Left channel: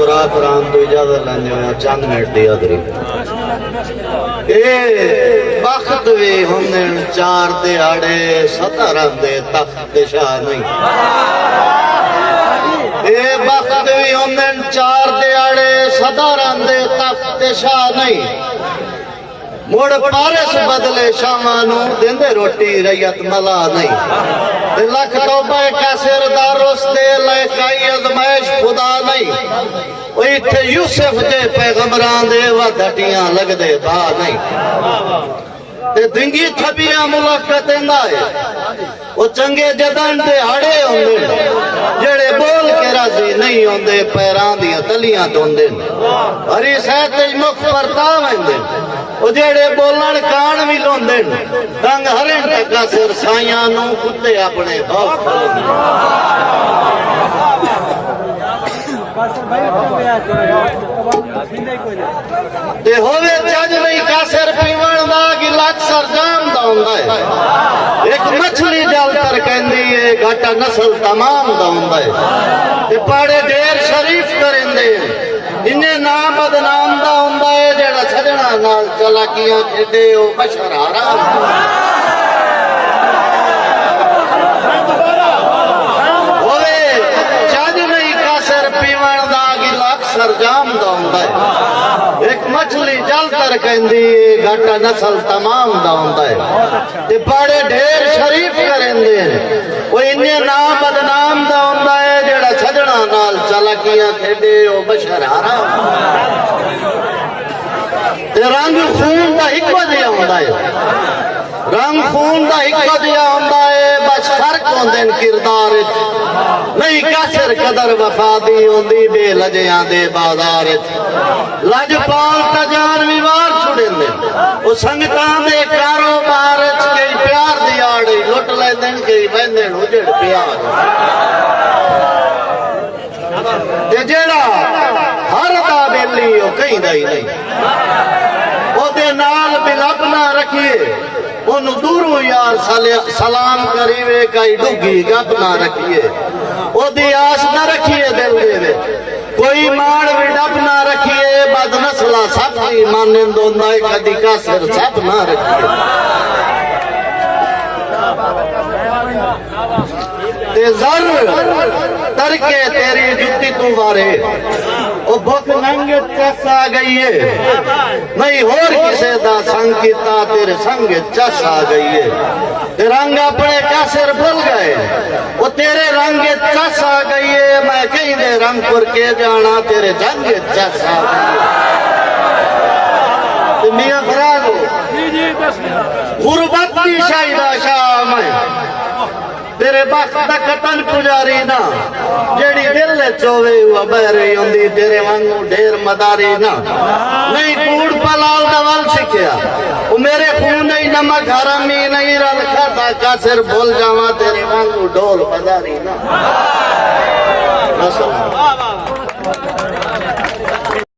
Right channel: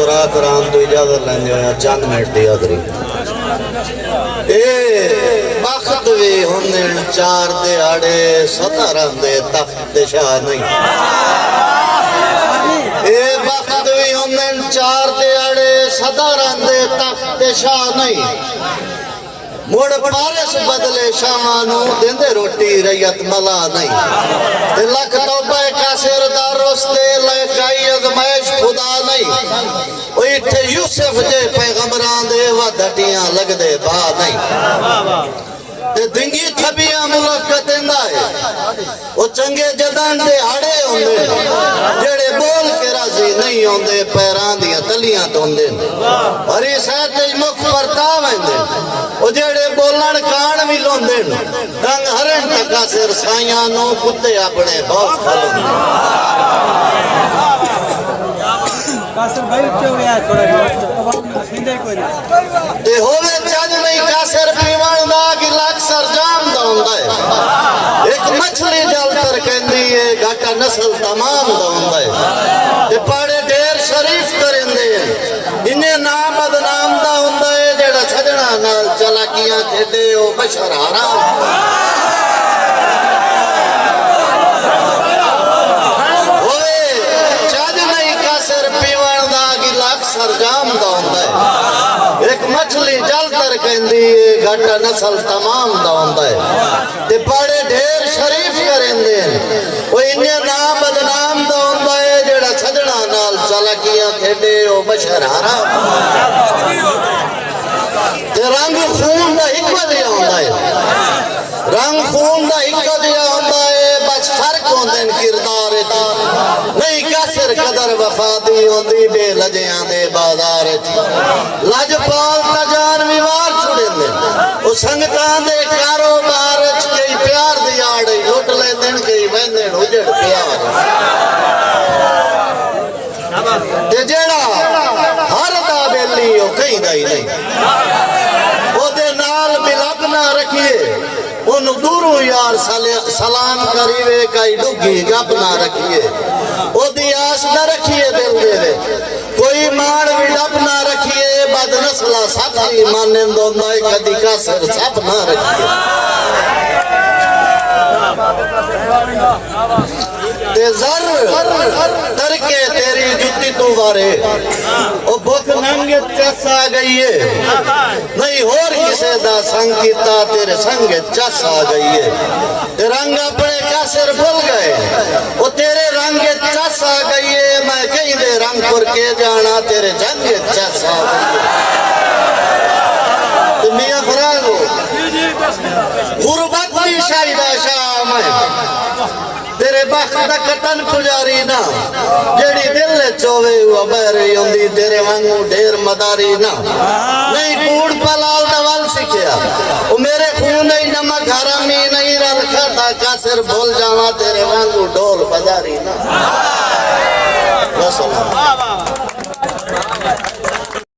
दोरा करान तो इजाजत लेंदे होया चंद मिनट दी हाज़री ए बख्त भी होंदे चार दिहाड़े सदा रहिंदे तख्त शाह नहीं ए बख्त भी होंदे चार दिहाड़े सदा रहिंदे तख्त शाह नहीं मुड़ पारस बदले शामानू देंदे रोटी रैयत मला नहीं ते लख तौबा का सिरदार रोस्ते लकाई अजमाइश खुदा नहीं ओ इत्थे यूसुफ दे पैगंबरां दे वधटियां लगदे बा नहीं ते दिंगी थबियां मुलाकात देंदा है ओ चंगे जदां दे हाड़े होंदे जेड़े बोल के राजी नहीं होंदे पैरां दी तलियां तोंदे हरी सहत मुख परता वेंदे ओ जेड़े बोलन कान भी लोंदे रंग हरन तका सिर साइयां नू कुत्ते अपने बाप खोलदे ते होवे चज नहीं कासर पीवण दा गिला अक्सर जाम दा हुंदा है एक मछली जल कर कहंदी है घाटा नस्ल तमाम दा हुंदा है ते पाड़े ढेर शरीफ करेंदे इन्ने नाम बदनाम दा हुंदा है जेड़ा सजना नाल चलाकियां खेडे ओ बशर हराम होवे चज नहीं कासर पीवण दा गिला अक्सर जाम दा हुंदा है एक मछली जल कर कहंदी है घाटा नस्ल तमाम दा हुंदा है ते पाड़े ढेर शरीफ करेंदे ओ इन्ने नाम बदनाम दा हुंदा है जेड़ा सजना नाल चलाकियां खेडे ओ बशर हराम ते रंग खून दा इक्को जिहा हुंदा है रंग खून दा इक्को जिहा हुंदा है बस फर्क होंदे किरदार विच नहीं कासर कदर वफा दी होंदी बेलजियां दे बाजार विच लजपाल तजान विवार छुड़ेंदे ओ संगतां दे कारोबार विच कई प्यार दी आड़ लुट लैंदे कई वहंदे उजड़ प्यार ते जेड़ा हर दा बेली ओ कहीं दा ही नहीं ओदे नाल बिलब ना रखिए ओनू दूरों यार सलाम करीवे कई डुगी गप ना रखिए ओदी आस न रखिए दिल दे कोई माण भी डब ना रखिए बद नस्ला साथी माने दोंदा कदी कासर सब ना रखिए ते जर तरके तेरी जुत्ती तू वारे ओ भुख नंग चस आ गई है नहीं होर किसे दा संग कीता तेरे संग चस आ गई है ते रंग अपने कासर भूल गए ओ तेरे रंग चस आ गई है मैं कहीं दे रंगपुर के जाना तेरे जंग चस आ गई है ते मियां फराग हो गुरबत भी शाहिदा शाम है तेरे बख्त दा कतन पुजारी ना जेड़ी दिल चोवे हुआ बहरी होंदी तेरे वांगू ढेर मदारी ना नहीं कूड़ पलाल दवल सिखिया ओ मेरे खून नहीं नमक हरामी नहीं रल खाता कासर भूल जावा तेरे वांगू ढोल बजारी ना